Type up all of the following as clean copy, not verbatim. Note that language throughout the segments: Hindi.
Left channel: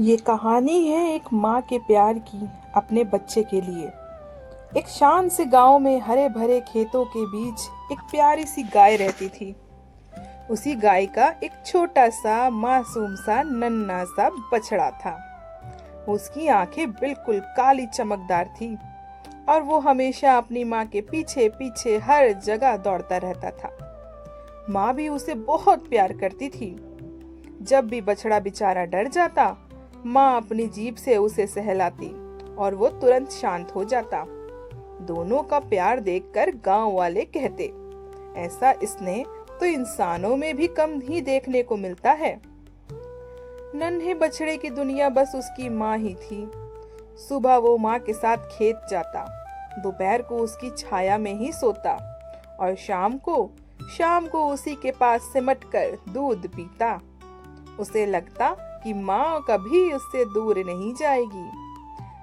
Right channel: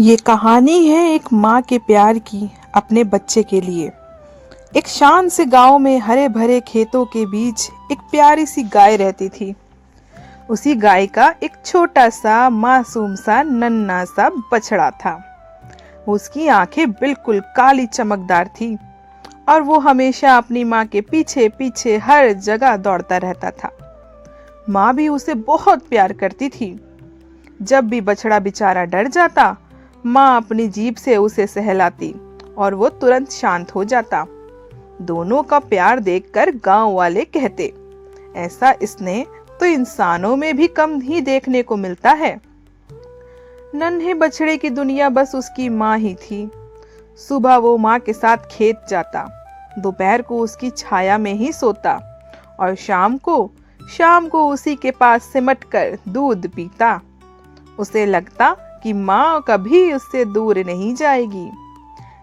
ये कहानी है एक माँ के प्यार की अपने बच्चे के लिए। एक शांत से गांव में हरे भरे खेतों के बीच एक प्यारी सी गाय रहती थी। उसी गाय का एक छोटा सा मासूम सा नन्हा सा बछड़ा था। उसकी आंखें बिल्कुल काली चमकदार थी और वो हमेशा अपनी माँ के पीछे पीछे हर जगह दौड़ता रहता था। माँ भी उसे बहुत प्यार करती थी। जब भी बछड़ा बेचारा डर जाता, माँ अपनी जीभ से उसे सहलाती और वो तुरंत शांत हो जाता। दोनों का प्यार देखकर गांव वाले कहते, ऐसा स्नेह तो इंसानों में भी कम ही देखने को मिलता है। नन्हे बछड़े की दुनिया बस उसकी माँ ही थी। सुबह वो माँ के साथ खेत जाता, दोपहर को उसकी छाया में ही सोता और शाम को उसी के पास सिमट कर दूध पीता। उसे लगता कि माँ कभी उससे दूर नहीं जाएगी।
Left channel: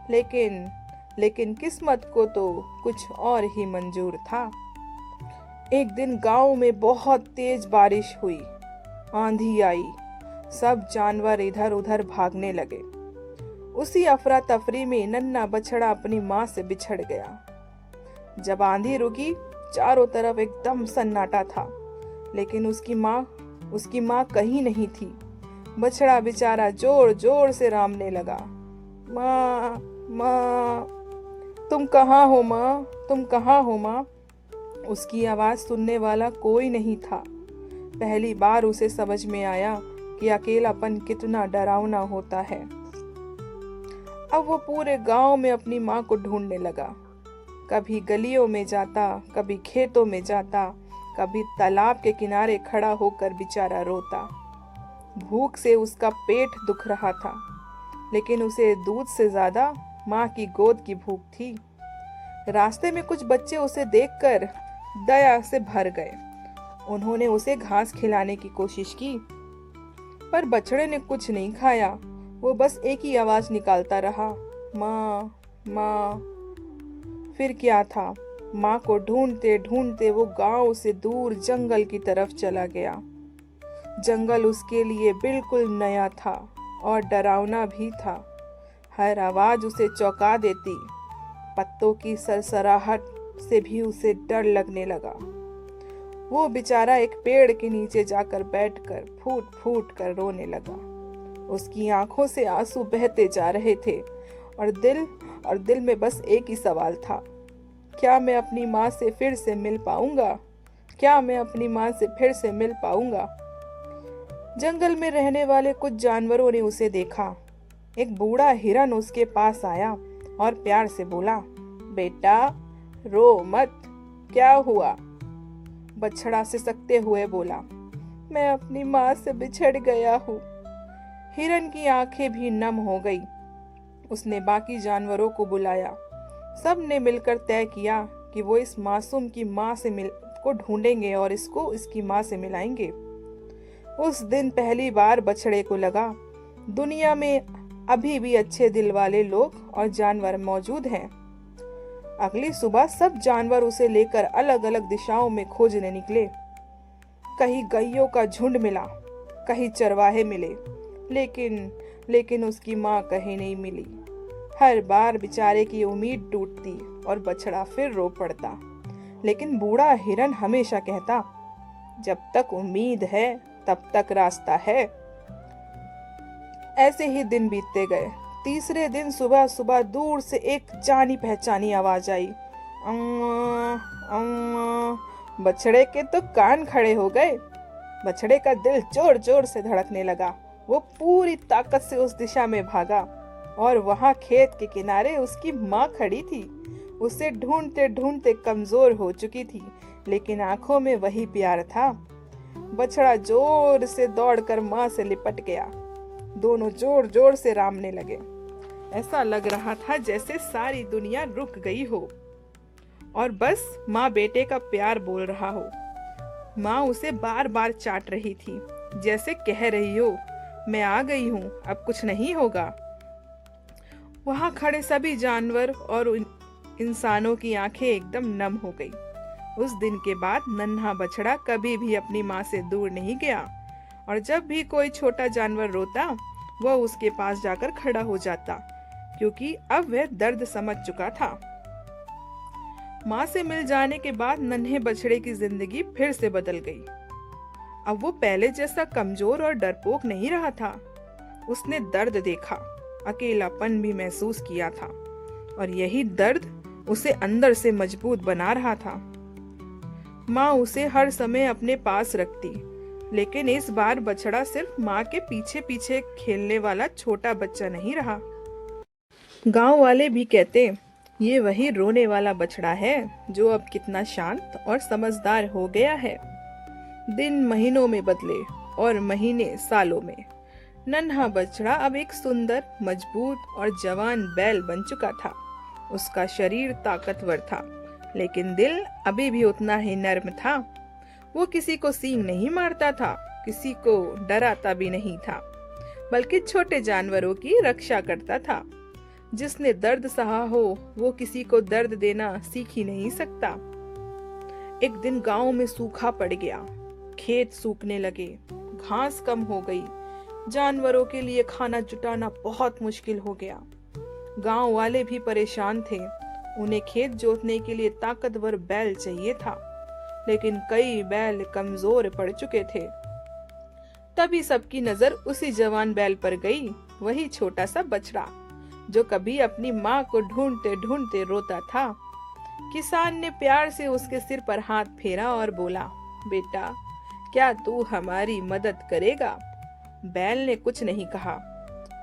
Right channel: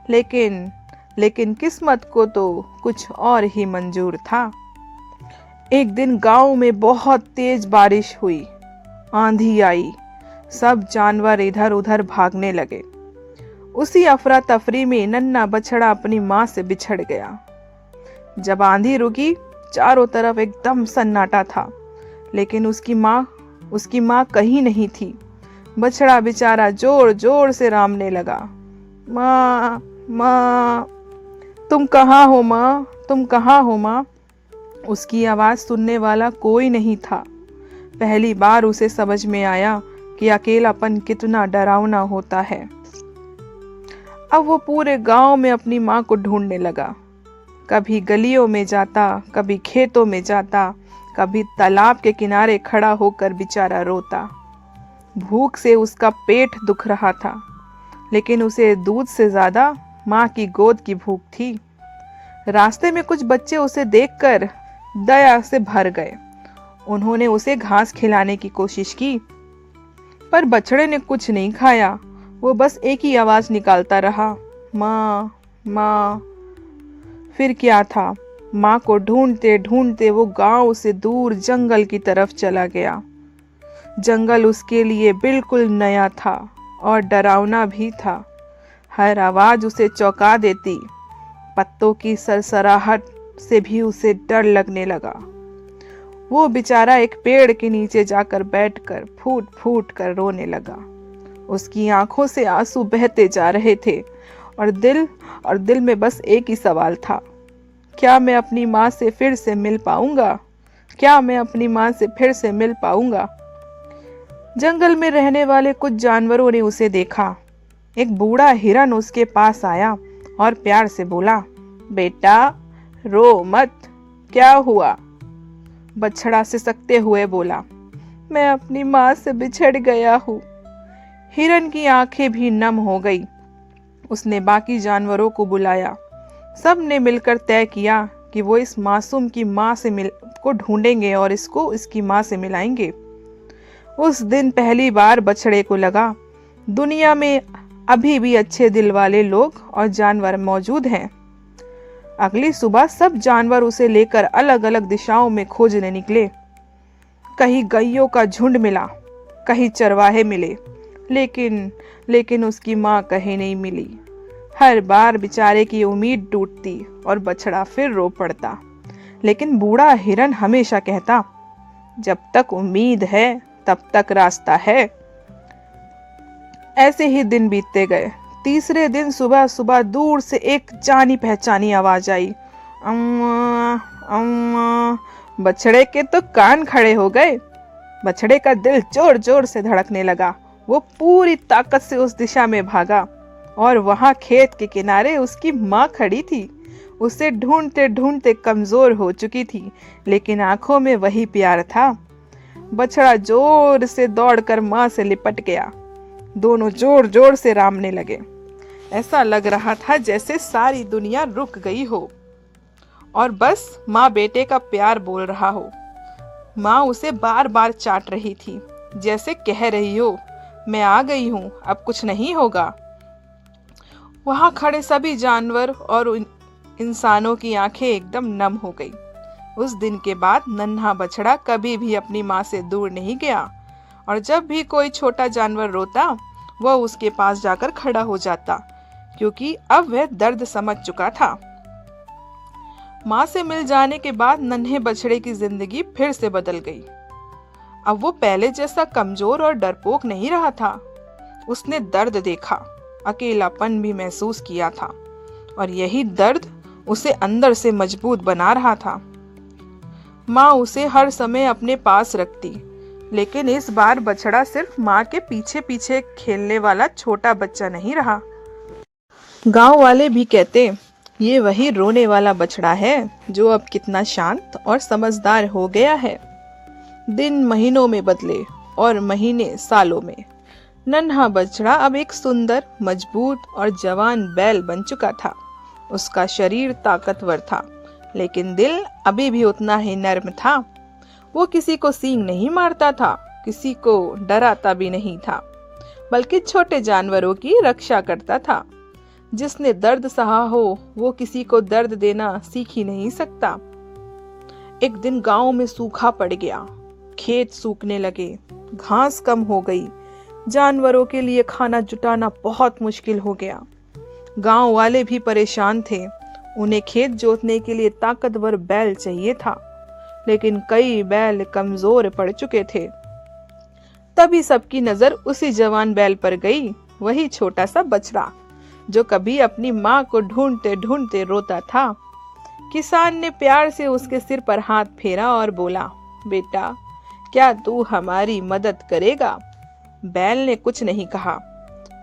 लेकिन किस्मत को तो कुछ और ही मंजूर था। एक दिन गांव में बहुत तेज बारिश हुई, आंधी आई, सब जानवर इधर उधर भागने लगे। उसी अफरा तफरी में नन्हा बछड़ा अपनी माँ से बिछड़ गया। जब आंधी रुकी, चारों तरफ एकदम सन्नाटा था, लेकिन उसकी माँ कहीं नहीं थी। बछड़ा बेचारा जोर जोर से रामने लगा, माँ माँ, तुम कहाँ हो माँ, तुम कहाँ हो माँ। उसकी आवाज सुनने वाला कोई नहीं था। पहली बार उसे समझ में आया कि अकेलापन कितना डरावना होता है। अब वो पूरे गांव में अपनी माँ को ढूंढने लगा। कभी गलियों में जाता, कभी खेतों में जाता, कभी तालाब के किनारे खड़ा होकर बेचारा रोता। भूख से उसका पेट दुख रहा था, लेकिन उसे दूध से ज्यादा माँ की गोद की भूख थी। रास्ते में कुछ बच्चे उसे देखकर दया से भर गए। उन्होंने उसे घास खिलाने की कोशिश की, पर बछड़े ने कुछ नहीं खाया। वो बस एक ही आवाज निकालता रहा, माँ माँ। फिर क्या था, माँ को ढूंढते ढूंढते वो गांव से दूर जंगल की तरफ चला गया। जंगल उसके लिए बिल्कुल नया था और डरावना भी था। हर आवाज उसे चौंका देती। पत्तों की सरसराहट से भी उसे डर लगने लगा। वो बेचारा एक पेड़ के नीचे जाकर बैठकर फूट फूट कर रोने लगा। उसकी आंखों से आंसू बहते जा रहे थे और दिल में बस एक ही सवाल था, क्या मैं अपनी माँ से फिर से मिल पाऊंगा? क्या मैं अपनी माँ से फिर से मिल पाऊंगा? जंगल में रहने वाले कुछ जानवरों ने उसे देखा। एक बूढ़ा हिरन उसके पास आया और प्यार से बोला, बेटा रो मत, क्या हुआ? बछड़ा सिसकते हुए बोला, मैं अपनी माँ से बिछड़ गया हूँ। हिरन की आंखें भी नम हो गई। उसने बाकी जानवरों को बुलाया। सब ने मिलकर तय किया कि वो इस मासूम की माँ को ढूंढेंगे और इसको इसकी माँ से मिलाएंगे। उस दिन पहली बार बछड़े को लगा, दुनिया में अभी भी अच्छे दिल वाले लोग और जानवर मौजूद हैं। अगली सुबह सब जानवर उसे लेकर अलग अलग दिशाओं में खोजने निकले। कहीं गैयों का झुंड मिला, कहीं चरवाहे मिले, लेकिन उसकी माँ कहीं नहीं मिली। हर बार बेचारे की उम्मीद टूटती और बछड़ा फिर रो पड़ता। लेकिन बूढ़ा हिरन हमेशा कहता, जब तक उम्मीद है तब तक रास्ता है। ऐसे ही दिन बीतते गए। तीसरे दिन सुबह सुबह दूर से एक जानी पहचानी आवाज आई, अम्मा अम्मा। बछड़े के तो कान खड़े हो गए। बछड़े का दिल जोर जोर से धड़कने लगा। वो पूरी ताकत से उस दिशा में भागा और वहां खेत के किनारे उसकी माँ खड़ी थी। उसे ढूंढते ढूंढते कमजोर हो चुकी थी, लेकिन आंखों में वही प्यार था। बछड़ा जोर से दौड़कर माँ से लिपट गया। दोनों जोर जोर से रामने लगे। ऐसा लग रहा था जैसे सारी दुनिया रुक गई हो और बस माँ बेटे का प्यार बोल रहा हो। माँ उसे बार बार चाट रही थी, जैसे कह रही हो, मैं आ गई हूँ, अब कुछ नहीं होगा। वहां खड़े सभी जानवर और इंसानों की आंखें एकदम नम हो गई। उस दिन के बाद नन्हा बछड़ा कभी भी अपनी माँ से दूर नहीं गया और जब भी कोई छोटा जानवर रोता, वह उसके पास जाकर खड़ा हो जाता, क्योंकि अब वह दर्द समझ चुका था। माँ से मिल जाने के बाद नन्हे बछड़े की जिंदगी फिर से बदल गई। अब वो पहले जैसा कमजोर और डरपोक नहीं रहा था। उसने दर्द देखा, अकेलापन भी महसूस किया था, और यही दर्द उसे अंदर से मजबूत बना रहा था। माँ उसे हर समय अपने पास रखती, लेकिन इस बार बछड़ा सिर्फ माँ के पीछे पीछे खेलने वाला छोटा बच्चा नहीं रहा। गांव वाले भी कहते, ये वही रोने वाला बछड़ा है जो अब कितना शांत और समझदार हो गया है। दिन महीनों में बदले और महीने सालों में। नन्हा बछड़ा अब एक सुंदर, मजबूत और जवान बैल बन चुका था। उसका शरीर ताकतवर था, लेकिन दिल अभी भी उतना ही नर्म था। वो किसी को सींग नहीं मारता था, किसी को डराता भी नहीं था, बल्कि छोटे जानवरों की रक्षा करता था। जिसने दर्द सहा हो, वो किसी को दर्द देना सीख ही नहीं सकता। एक दिन गांव में सूखा पड़ गया। खेत सूखने लगे, घास कम हो गई, जानवरों के लिए खाना जुटाना बहुत मुश्किल हो गया। गांव वाले भी परेशान थे। उन्हें खेत जोतने के लिए ताकतवर बैल चाहिए था, लेकिन कई बैल कमजोर पड़ चुके थे। तभी सबकी नजर उसी जवान बैल पर गई, वही छोटा सा बछड़ा जो कभी अपनी माँ को ढूंढते ढूंढते रोता था। किसान ने प्यार से उसके सिर पर हाथ फेरा और बोला, बेटा, क्या तू हमारी मदद करेगा? बैल ने कुछ नहीं कहा,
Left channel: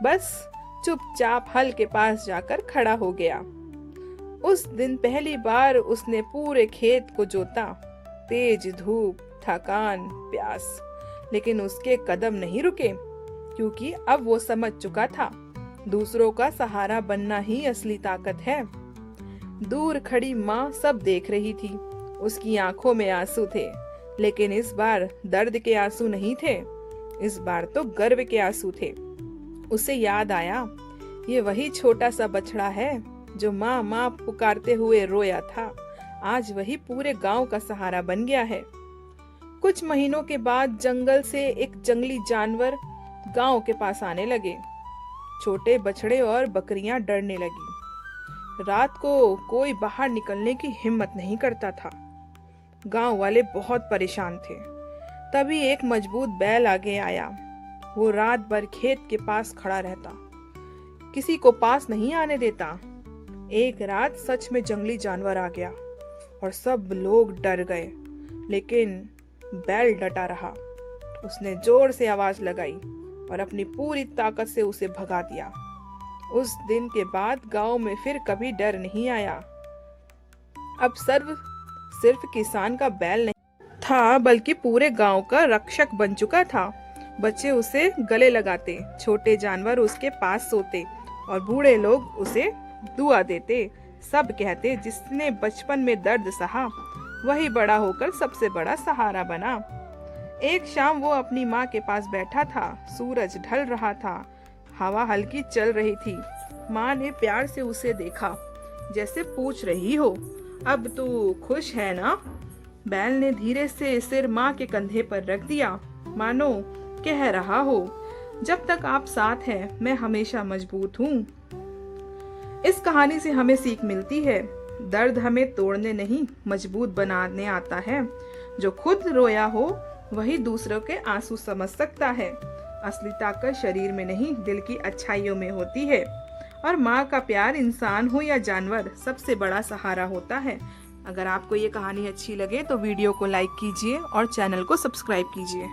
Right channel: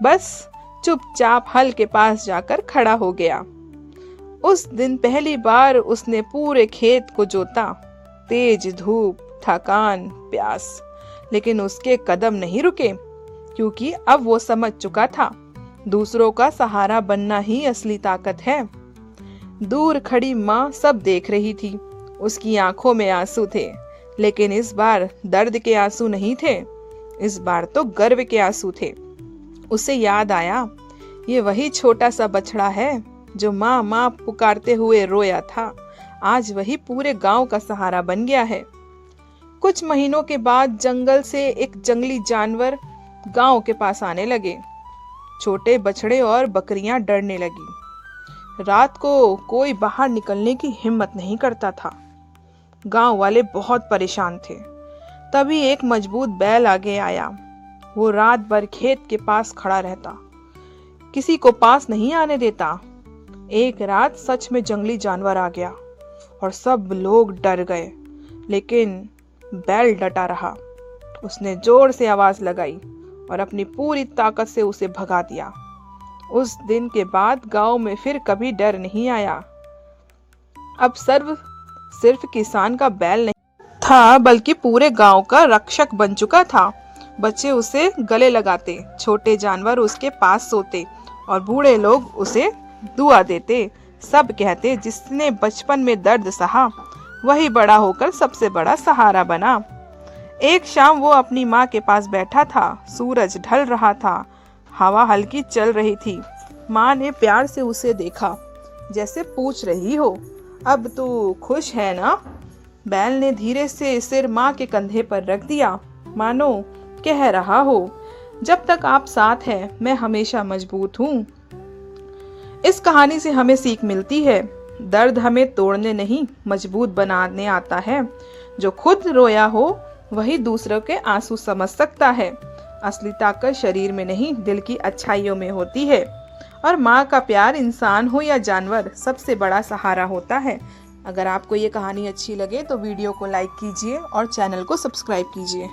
बस चुपचाप हल के पास जाकर खड़ा हो गया। उस दिन पहली बार उसने पूरे खेत को जोता। तेज धूप, थकान, प्यास, लेकिन उसके कदम नहीं रुके, क्योंकि अब वो समझ चुका था, दूसरों का सहारा बनना ही असली ताकत है। दूर खड़ी माँ सब देख रही थी। उसकी आंखों में आंसू थे, लेकिन इस बार दर्द के आंसू नहीं थे, इस बार तो गर्व के आंसू थे। उसे याद आया, ये वही छोटा सा बछड़ा है जो माँ माँ पुकारते हुए रोया था। आज वही पूरे गांव का सहारा बन गया है। कुछ महीनों के बाद जंगल से एक जंगली जानवर गांव के पास आने लगे। छोटे बछड़े और बकरियां डरने लगी। रात को कोई बाहर निकलने की हिम्मत नहीं करता था। गांव वाले बहुत परेशान थे। तभी एक मजबूत बैल आगे आया। वो रात भर खेत के पास खड़ा रहता, किसी को पास नहीं आने देता। एक रात सच में जंगली जानवर आ गया और सब लोग डर गए, लेकिन बैल डटा रहा। उसने जोर से आवाज लगाई और अपनी पूरी ताकत से उसे भगा दिया। उस दिन के बाद गांव में फिर कभी डर नहीं आया। अब सिर्फ किसान का बैल नहीं था, बल्कि पूरे गांव का रक्षक बन चुका था। बच्चे उसे गले लगाते, छोटे जानवर उसके पास सोते और बूढ़े लोग उसे दुआ देते। सब कहते, जिसने बचपन में दर्द सहा, वही बड़ा होकर सबसे बड़ा सहारा बना। एक शाम वो अपनी माँ के पास बैठा था। सूरज ढल रहा था, हवा हल्की चल रही थी। माँ ने प्यार से उसे देखा, जैसे पूछ रही हो, अब तू खुश है ना? बैल ने धीरे से सिर माँ के कंधे पर रख दिया, मानो कह रहा हो, जब तक आप साथ हैं, मैं हमेशा मजबूत हूँ। इस कहानी से हमें सीख मिलती है, दर्द हमें तोड़ने नहीं, मजबूत बनाने आता है। जो खुद रोया हो, वही दूसरों के आंसू समझ सकता है। असली ताकत शरीर में नहीं, दिल की अच्छाइयों में होती है। और माँ का प्यार, इंसान हो या जानवर, सबसे बड़ा सहारा होता है। अगर आपको ये कहानी अच्छी लगे तो वीडियो को लाइक कीजिए और चैनल को सब्सक्राइब कीजिए।